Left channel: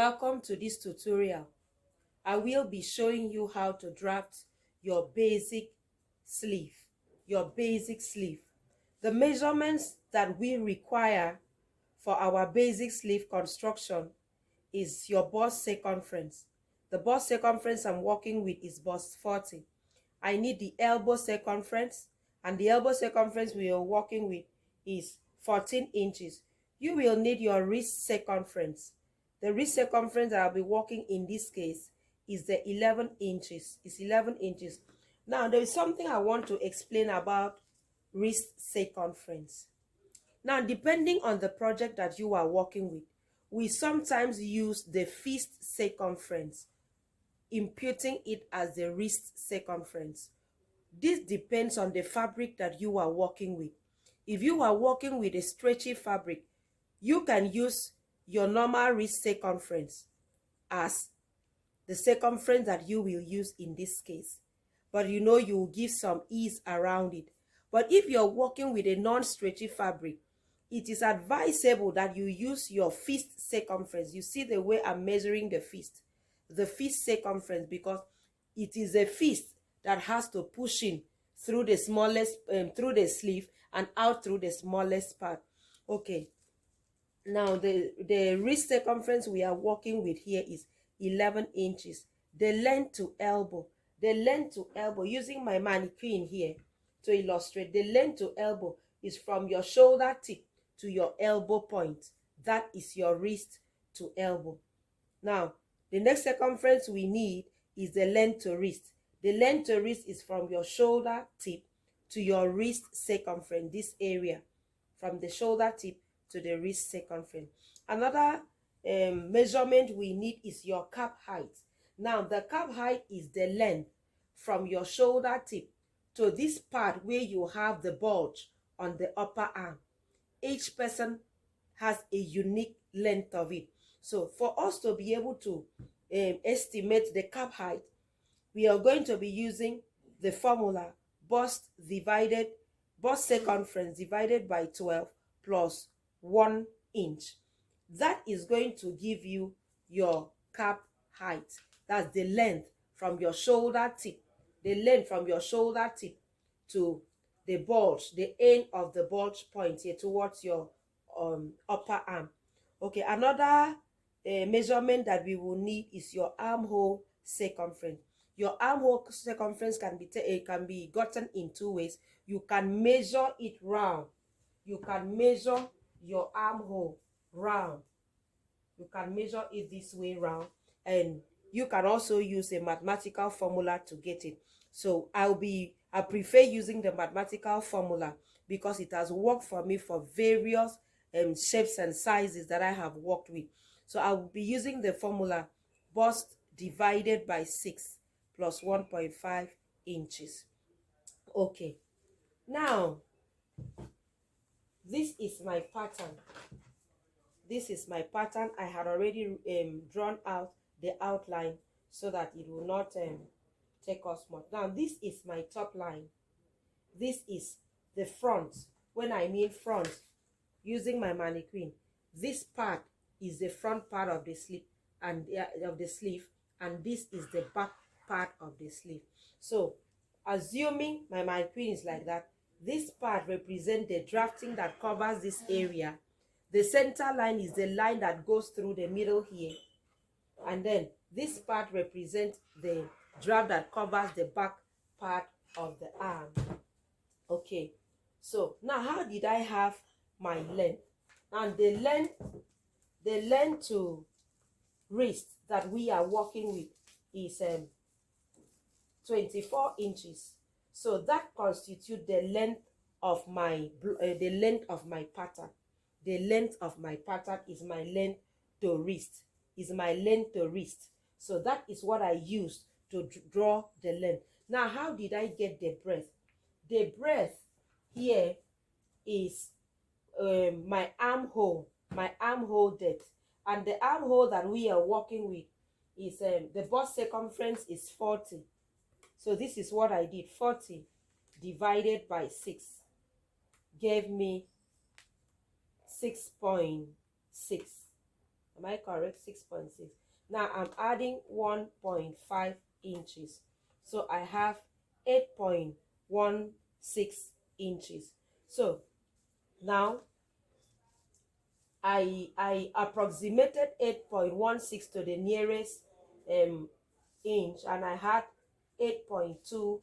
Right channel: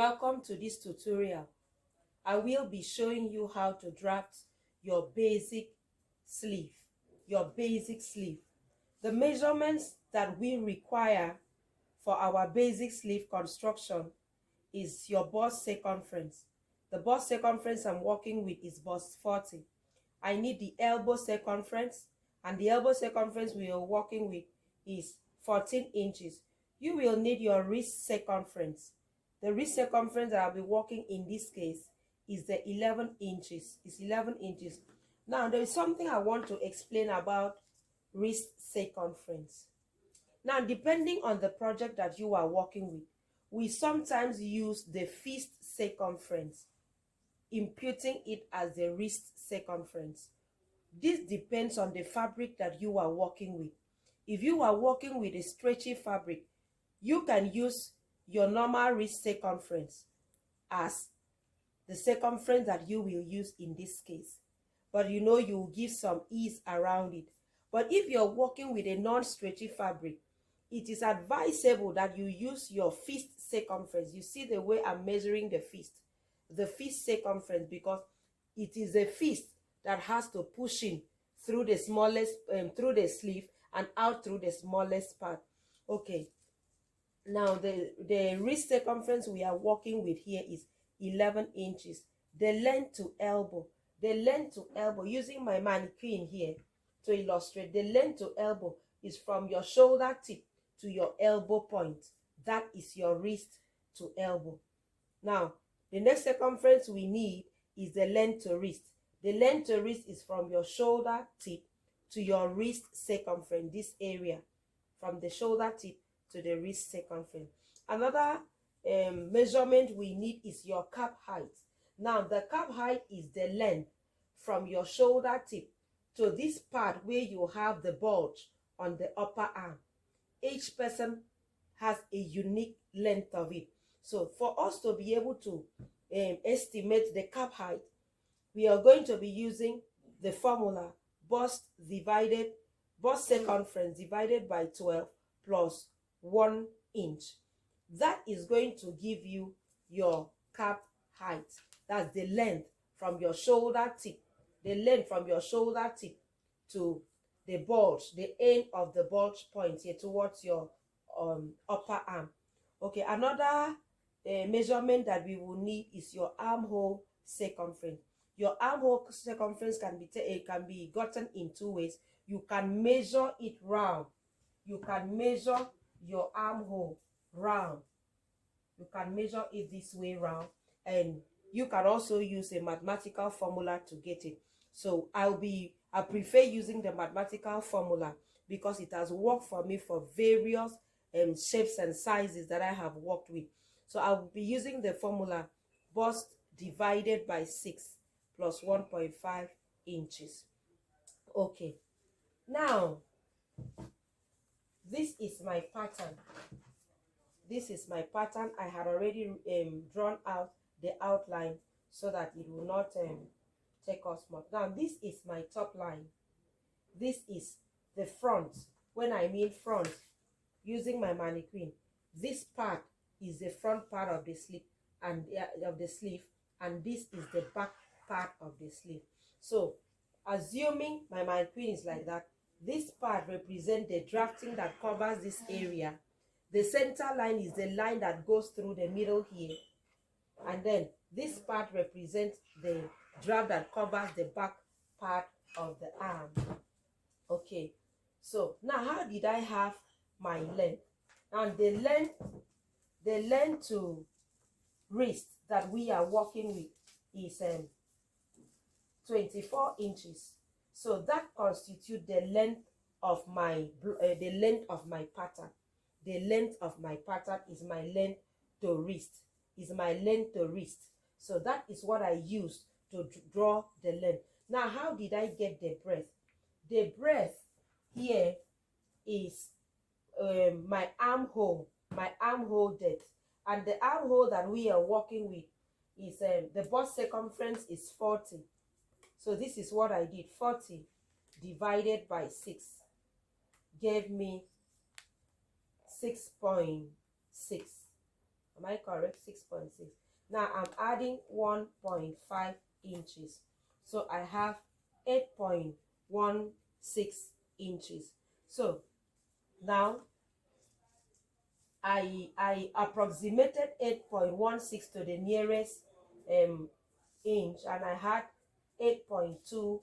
Welcome to this tutorial. I will be showing you how to draft your basic sleeve. The measurements that we require for our basic sleeve construction is your bust circumference. The bust circumference I'm working with is bust 40. I need the elbow circumference, and the elbow circumference we are working with is 14 inches. You will need your wrist circumference. The wrist circumference that I'll be working in this case is the 11 inches. It's 11 inches. Now, there is something I want to explain about wrist circumference. Now, depending on the project that you are working with, we sometimes use the fist circumference, imputing it as the wrist circumference. This depends on the fabric that you are working with. If you are working with a stretchy fabric, you can use your normal wrist circumference as the circumference that you will use in this case. But you will give some ease around it. But if you're working with a non-stretchy fabric, it is advisable that you use your fist circumference. You see the way I'm measuring the fist circumference, because it is the fist that has to push in through the smallest, through the sleeve and out through the smallest part. Okay. Now, the wrist circumference we are working with here is 11 inches. The length to elbow, using my mannequin here to illustrate, the length to elbow is from your shoulder tip to your elbow point. That is your wrist to elbow. Now, the next circumference we need is the length to wrist. The length to wrist is from your shoulder tip to your wrist circumference, this area, from the shoulder tip to the wrist circumference. Another measurement we need is your cap height. Now, the cap height is the length from your shoulder tip to this part where you have the bulge on the upper arm. Each person has a unique length of it. So for us to be able to estimate the cap height, we are going to be using the formula bust circumference divided by 12 plus 1 inch. That is going to give you your cap height. That's the length from your shoulder tip. The length from your shoulder tip to the bulge, the end of the bulge point here towards your upper arm. Okay, another measurement that we will need is your armhole circumference. Your armhole circumference can be gotten in two ways. You can measure it round. You can measure your armhole round. You can measure it this way round, and you can also use a mathematical formula to get it. So I prefer using the mathematical formula because it has worked for me for various shapes and sizes that I have worked with. So I'll be using the formula bust divided by 6 plus 1.5 inches. Okay, now this is my pattern. I had already drawn out the outline so that it will not take us much. Now, this is my top line. This is the front. When I mean front, using my mannequin, this part is the front part of the sleeve, and this is the back part of the sleeve. So, assuming my mannequin is like that, this part represents the drafting that covers this area. The center line is the line that goes through the middle here. And then this part represents the draft that covers the back part of the arm. Okay, so now how did I have my length? And the length to wrist that we are working with is 24 inches. So that constitutes the length of my pattern. The length of my pattern is my length to wrist. So that is what I use to draw the length. Now, how did I get the breadth? The breadth here is my armhole depth. And the armhole that we are working with is the bust circumference is 40. So this is what I did. 40 divided by 6 gave me 6.6. Am I correct? 6.6. Now I'm adding 1.5 inches. So I have 8.16 inches. So now I approximated 8.16 to the nearest inch, and I had 8.25.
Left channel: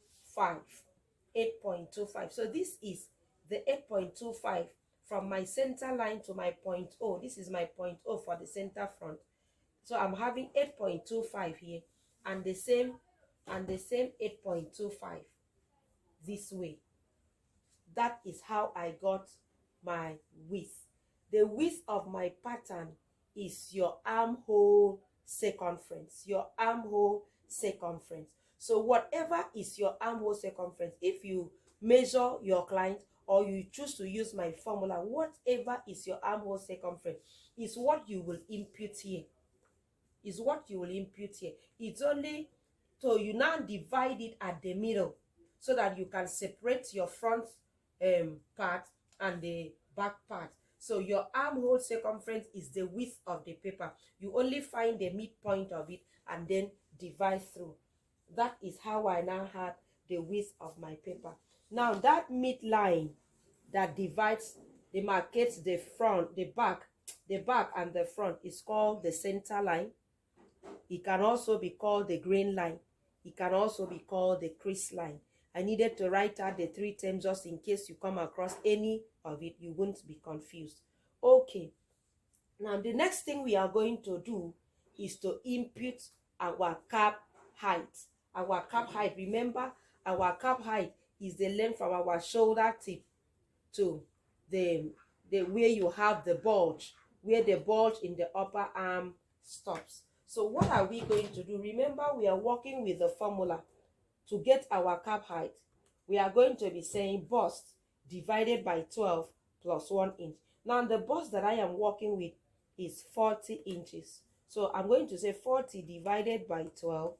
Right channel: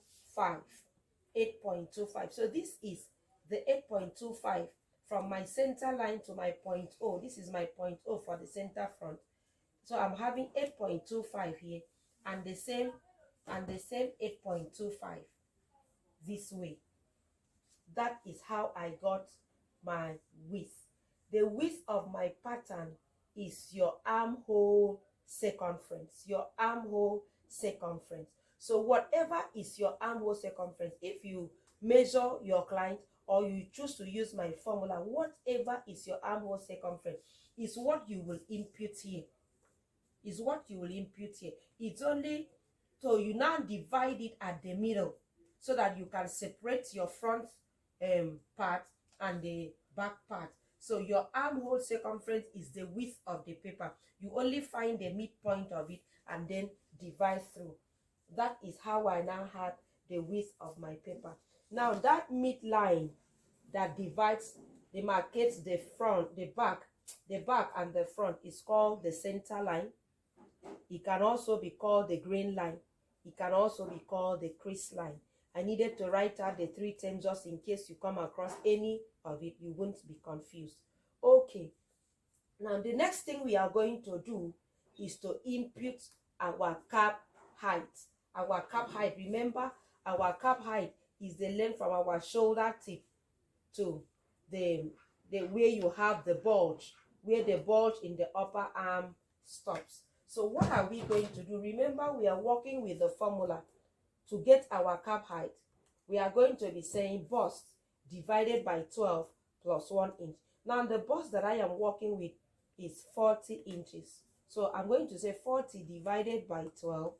8.25. So this is the 8.25 from my center line to my point O. This is my point O for the center front. So I'm having 8.25 here, and the same 8.25 this way. That is how I got my width. The width of my pattern is your armhole circumference. Your armhole circumference. So whatever is your armhole circumference, if you measure your client or you choose to use my formula, whatever is your armhole circumference is what you will impute here. Is what you will impute here. It's only, so you now divide it at the middle so that you can separate your front part and the back part. So your armhole circumference is the width of the paper. You only find the midpoint of it and then divide through. That is how I now have the width of my paper. Now that midline that divides, demarcates the front, the back and the front is called the center line. It can also be called the grain line. It can also be called the crease line. I needed to write out the 3 terms just in case you come across any of it, you won't be confused. Okay. Now the next thing we are going to do is to impute our cap height. Our cap height, remember, our cap height is the length from our shoulder tip to the where you have the bulge, where the bulge in the upper arm stops. So what are we going to do? Remember, we are working with the formula to get our cap height. We are going to be saying bust divided by 12 plus 1 inch. Now the bust that I am working with is 40 inches. So I'm going to say 40 divided by 12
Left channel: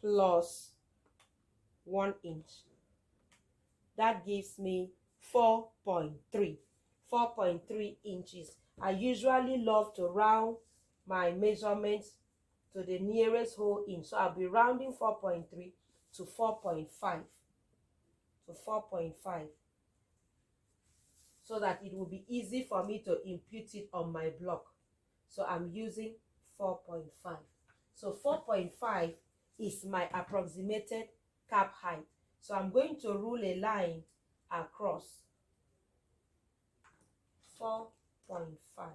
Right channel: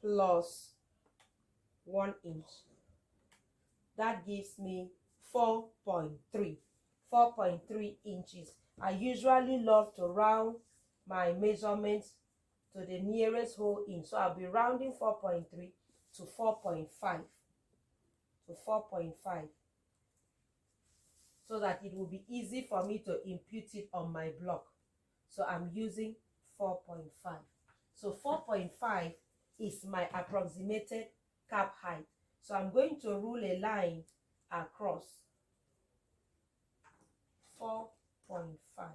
plus 1 inch. That gives me 4.3. 4.3 inches. I usually love to round my measurements to the nearest whole inch. So I'll be rounding 4.3 to 4.5. To 4.5. So that it will be easy for me to impute it on my block. So I'm using 4.5. So 4.5 is my approximated cap height. So I'm going to rule a line across 4.5.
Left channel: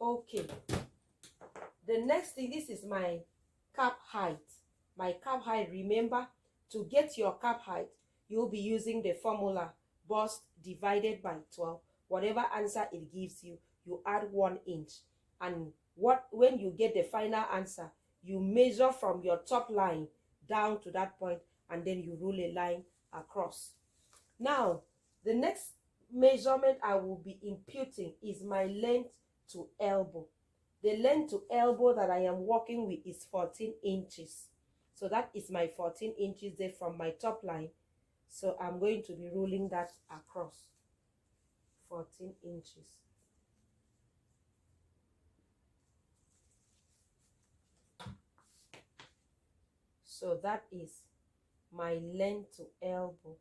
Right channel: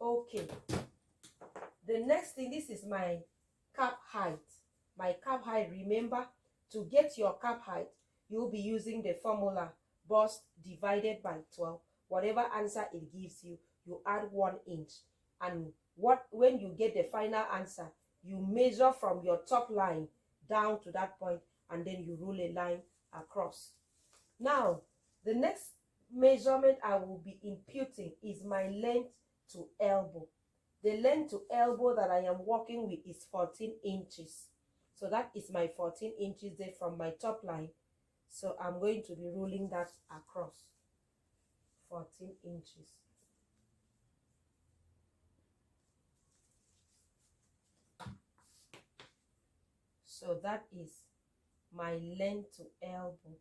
Okay. The next thing, this is my cap height. My cap height, remember, to get your cap height, you'll be using the formula bust divided by 12. Whatever answer it gives you, you add 1 inch. And when you get the final answer, you measure from your top line down to that point, and then you rule a line across. Now, the next measurement I will be imputing is my length to elbow. The length to elbow that I am working with is 14 inches. So that is my 14 inches there from my top line. So I'm going to be ruling that across 14 inches. So that is my length to elbow.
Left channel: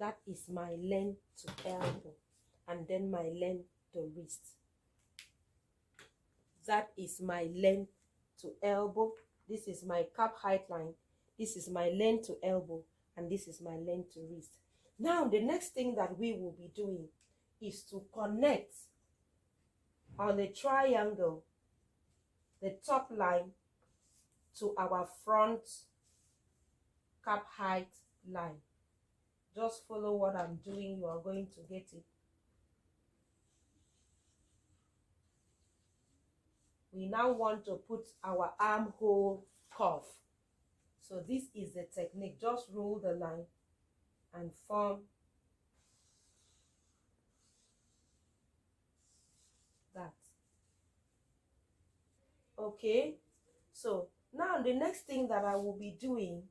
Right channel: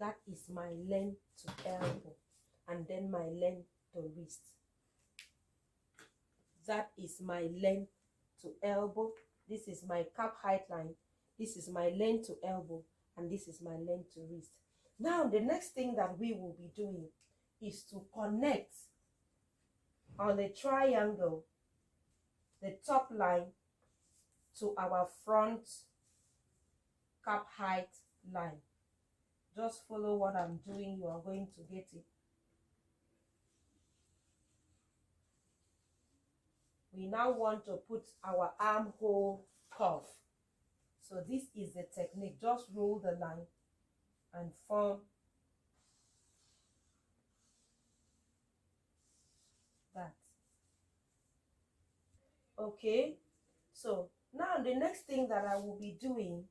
That is my length to elbow, and then my length to wrist. That is my length to elbow. This is my cap height line. This is my length to elbow, and this is my length to wrist. Now, the next thing that we will be doing is to connect on the triangle the top line to our front cap height line. Just follow what I'm doing, you are going to get it. We now want to put our armhole curve. So this is the technique. Just roll the line and form Okay, so now the next thing that I will be doing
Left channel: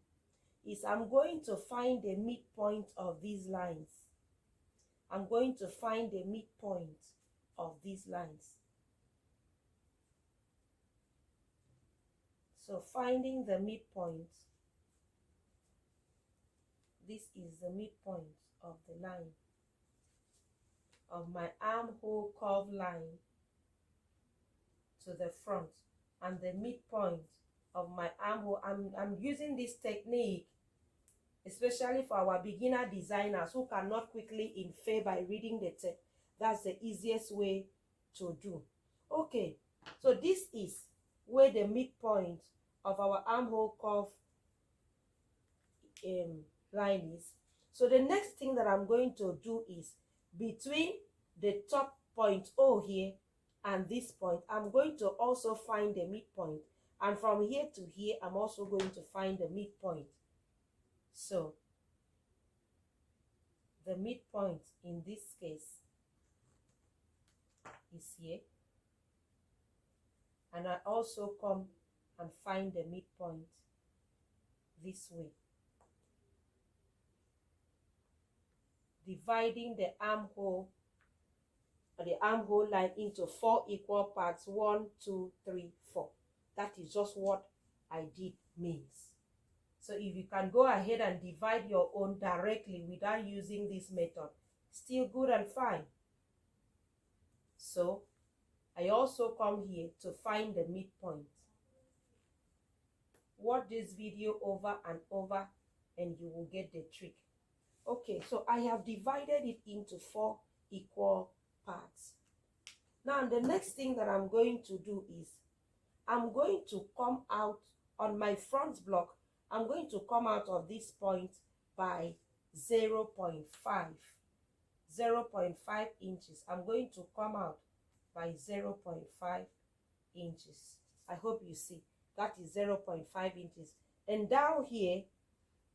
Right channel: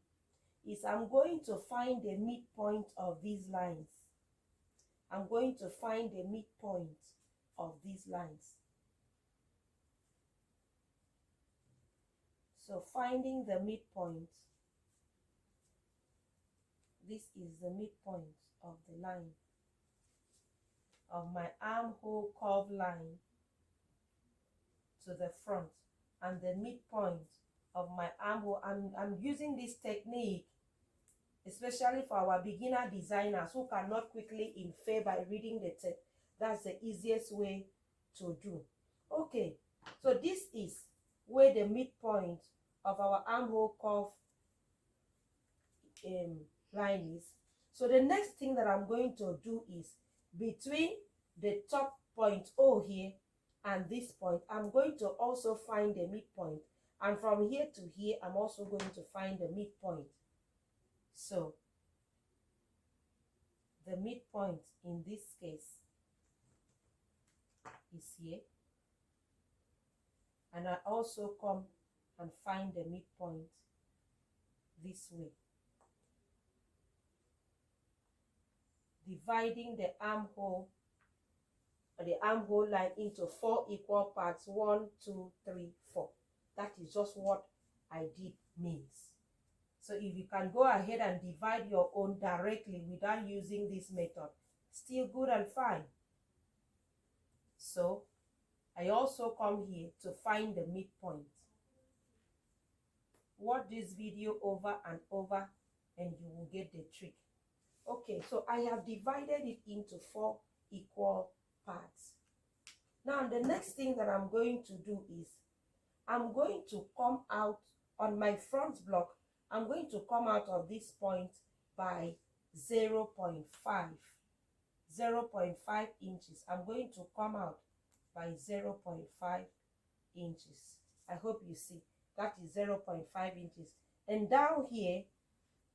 is I'm going to find the midpoint of these lines. I'm going to find the midpoint of these lines. So finding the midpoint, this is the midpoint of the line, of my armhole curve line to the front, and the midpoint of my armhole. I'm using this technique especially for our beginner designers who cannot quickly infer by reading the text. That's the easiest way to do. Okay, so this is where the midpoint of our armhole curve line is. So the next thing that I'm going to do is between the top point O here and this point, I'm going to also find the midpoint, and from here to here I'm also going to find the midpoint. So the midpoint in this case is here, and I also come and find the midpoint this way, dividing the armhole line into 4 equal parts. 1, 2, 3, 4. That is just what I did means. So if you can go ahead and divide your own directly without using this method, still good and fine. So I also come here to find the midpoint. Watch this video over and over and you will get the trick. Okay, so I have divided it into 4 equal parts. Now the next thing that I'm going to do is I'm going to come out on my front block. I'm going to come out of this point by 0.5 inches. I'm going to come out by 0.5 inches. I hope you see that is 0.5 inches. And down here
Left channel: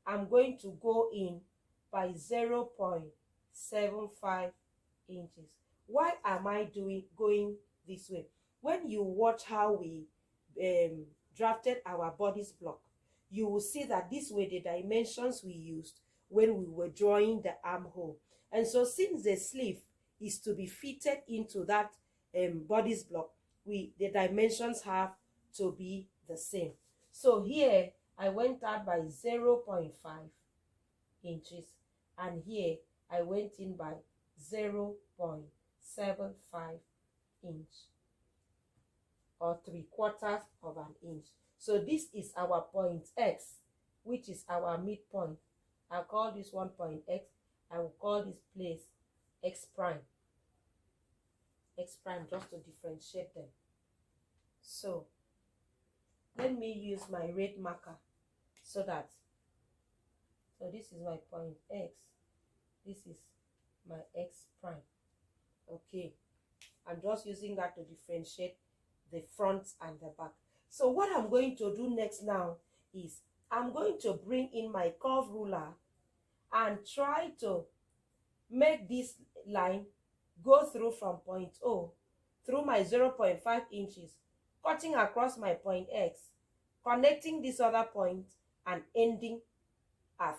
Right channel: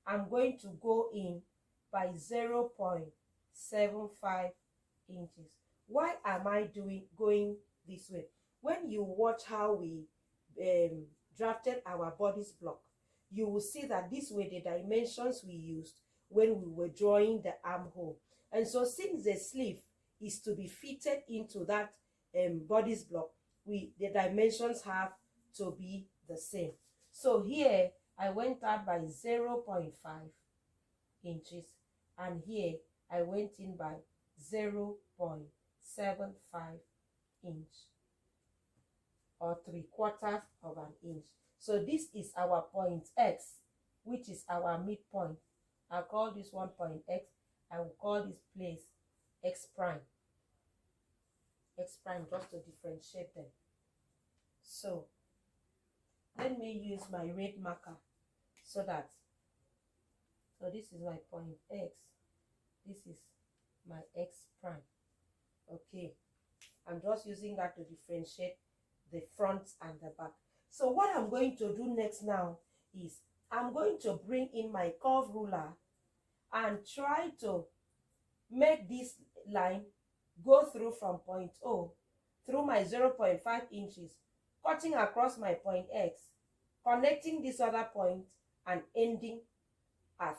I'm going to go in by 0.75 inches. Why am I going this way? When you watch how we drafted our bodice block, you will see that this were the dimensions we used when we were drawing the armhole. And so since the sleeve is to be fitted into that bodice block, the dimensions have to be the same. So here I went out by 0.5 inches, and here I went in by 0.75 inch, or 3/4 of an inch. So this is our point X, which is our midpoint. I'll call this one point X. I will call this place X prime. X prime, just to differentiate them. So let me use my red marker so this is my point X. This is my X prime. Okay, I'm just using that to differentiate the front and the back. So what I'm going to do next now is I'm going to bring in my curve ruler and try to make this line go through from point O through my 0.5 inches, cutting across my point X, connecting this other point and ending at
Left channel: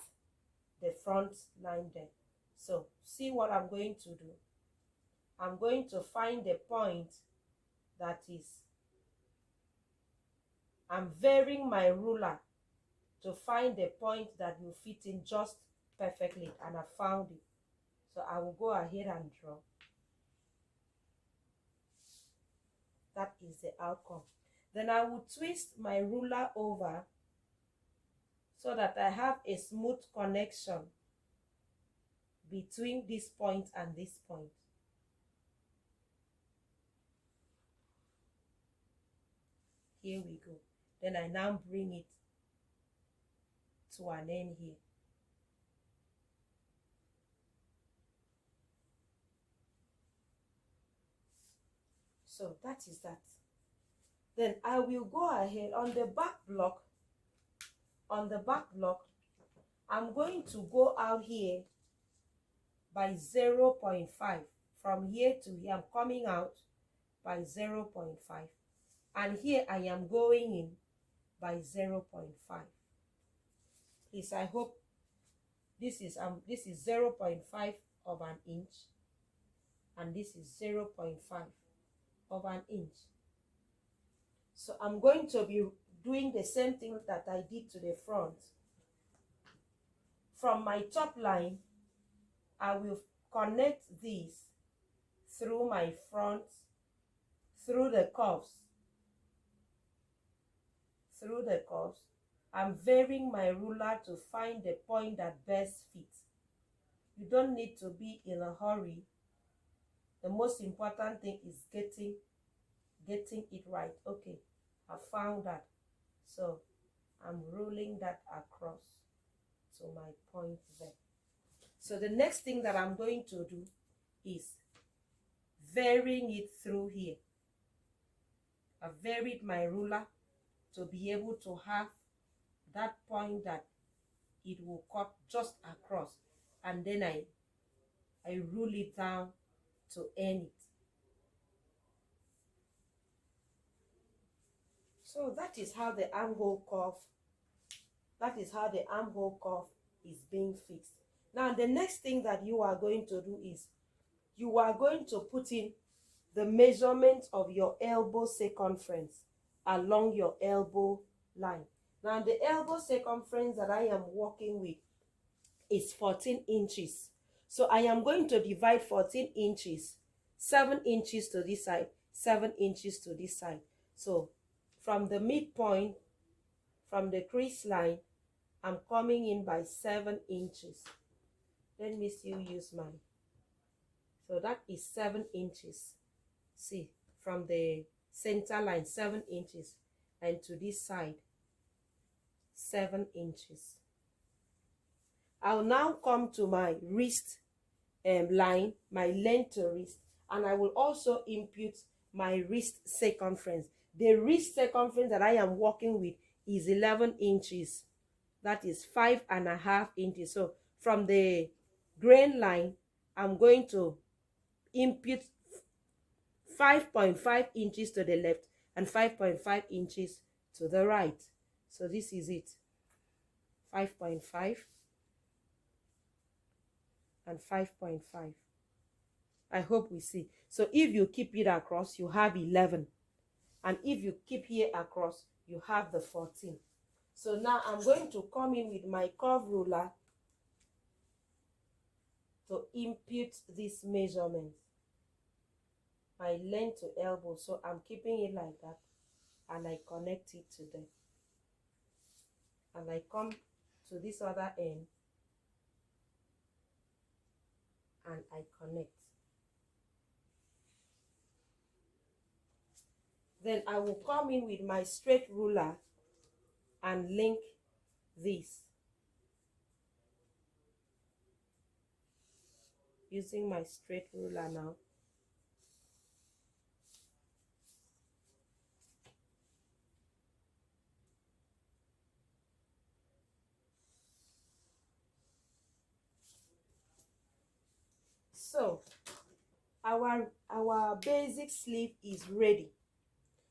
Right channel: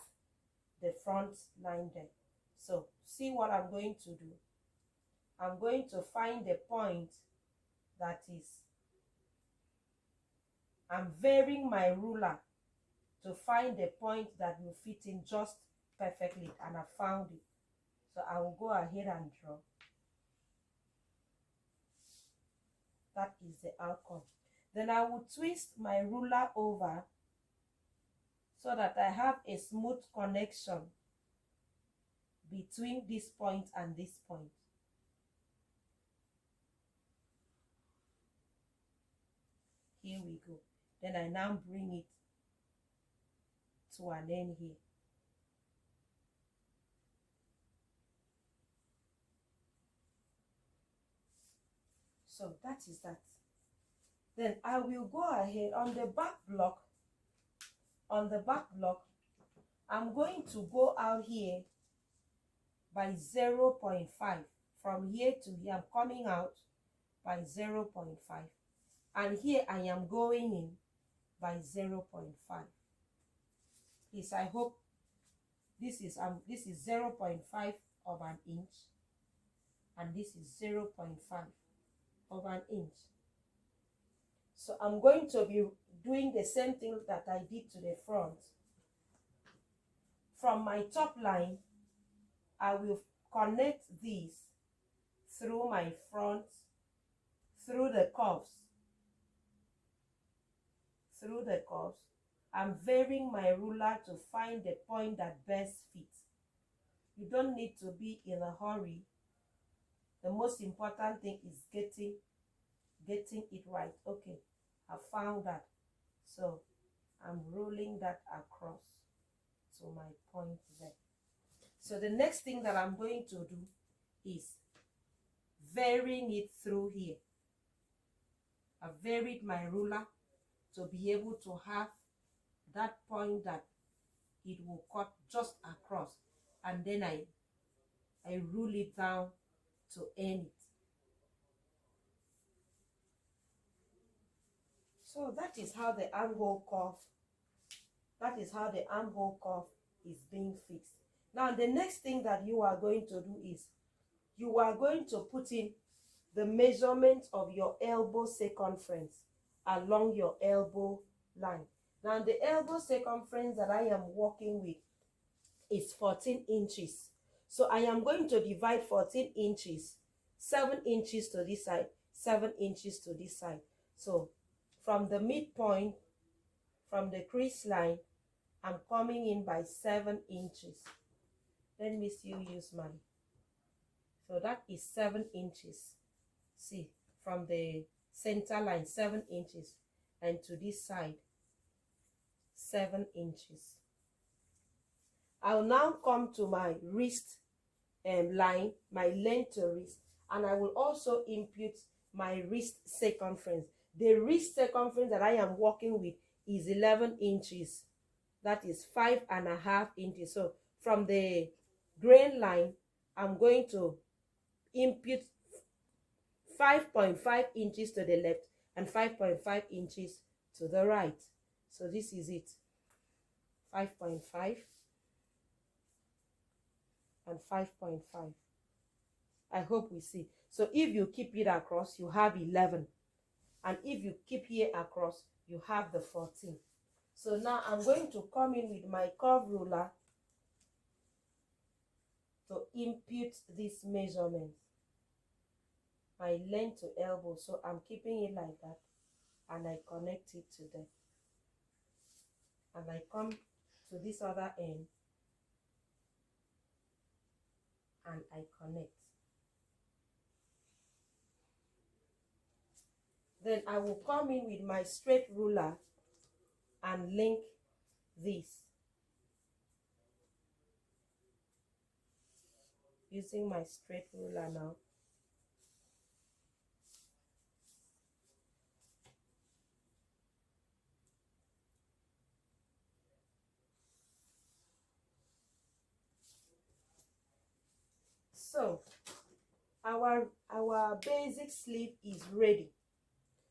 the front line there. So see what I'm going to do. I'm going to find the point that is, I'm varying my ruler to find the point that will fit in just perfectly, and I found it. So I will go ahead and draw. That is the outcome. Then I will twist my ruler over so that I have a smooth connection between this point and this point. Here we go. Then I now bring it to an end here. So that is that. Then I will go ahead on the back block. On the back block, I'm going to go out here by 0.5. From here to here, I'm coming out by 0.5. and here I am going in by 0.5. Please, I hope this is 0.5 of an inch, and this is 0.5 of an inch. So I'm going to be doing the same thing that I did to the front. From my top line, I will connect these through my front, through the curves. I'm varying my ruler to find the point that best fits. You don't need to be in a hurry. The most important thing is getting it right. Okay, I found that. So I'm rolling that across to my point there. So the next thing that I'm going to do is varying it through here. I varied my ruler to be able to have that point that it will cut just across, and then I rule it down to end it. So that is how the armhole curve is being fixed. Now the next thing that you are going to do is you are going to put in the measurement of your elbow circumference along your elbow line. Now the elbow circumference that I am working with is 14 inches. So I am going to divide 14 inches, 7 inches to this side, 7 inches to this side. So from the midpoint, from the crease line, I'm coming in by 7 inches. Let me still use mine. So that is 7 inches. See, from the center line, 7 inches, and to this side, 7 inches. I'll now come to my wrist line, my length to wrist, and I will also impute my wrist circumference. The wrist circumference that I am working with is 11 inches. That is 5.5 inches. So from the grain line, I'm going to impute 5.5 inches to the left and 5.5 inches to the right. So this is it. 5.5 and 5.5. I hope we see. So if you keep it across, you have 11. And if you keep here across, you have the 14. So now I'm going to come in with my curve ruler to impute this measurement. My length to elbow. So I'm keeping it like that. And I connect it to them. And I come to this other end. And I connect. Then I will come in with my straight ruler and link this. Using my straight ruler now. So our basic sleeve is ready.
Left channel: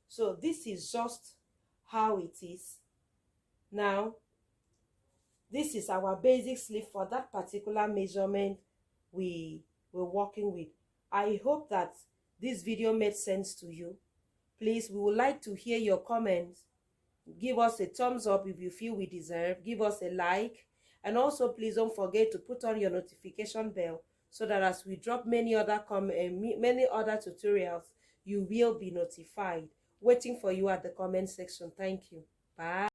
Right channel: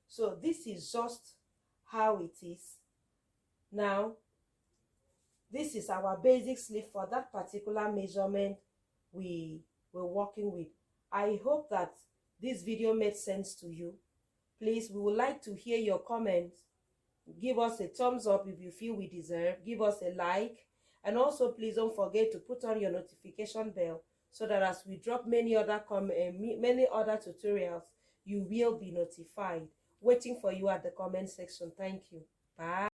So this is just how it is. Now, this is our basic sleeve for that particular measurement we were working with. I hope that this video made sense to you. Please, we would like to hear your comments. Give us a thumbs up if you feel we deserve. Give us a like. And also, please don't forget to put on your notification bell so that as we drop many other tutorials, you will be notified. Waiting for you at the comment section. Thank you. Bye.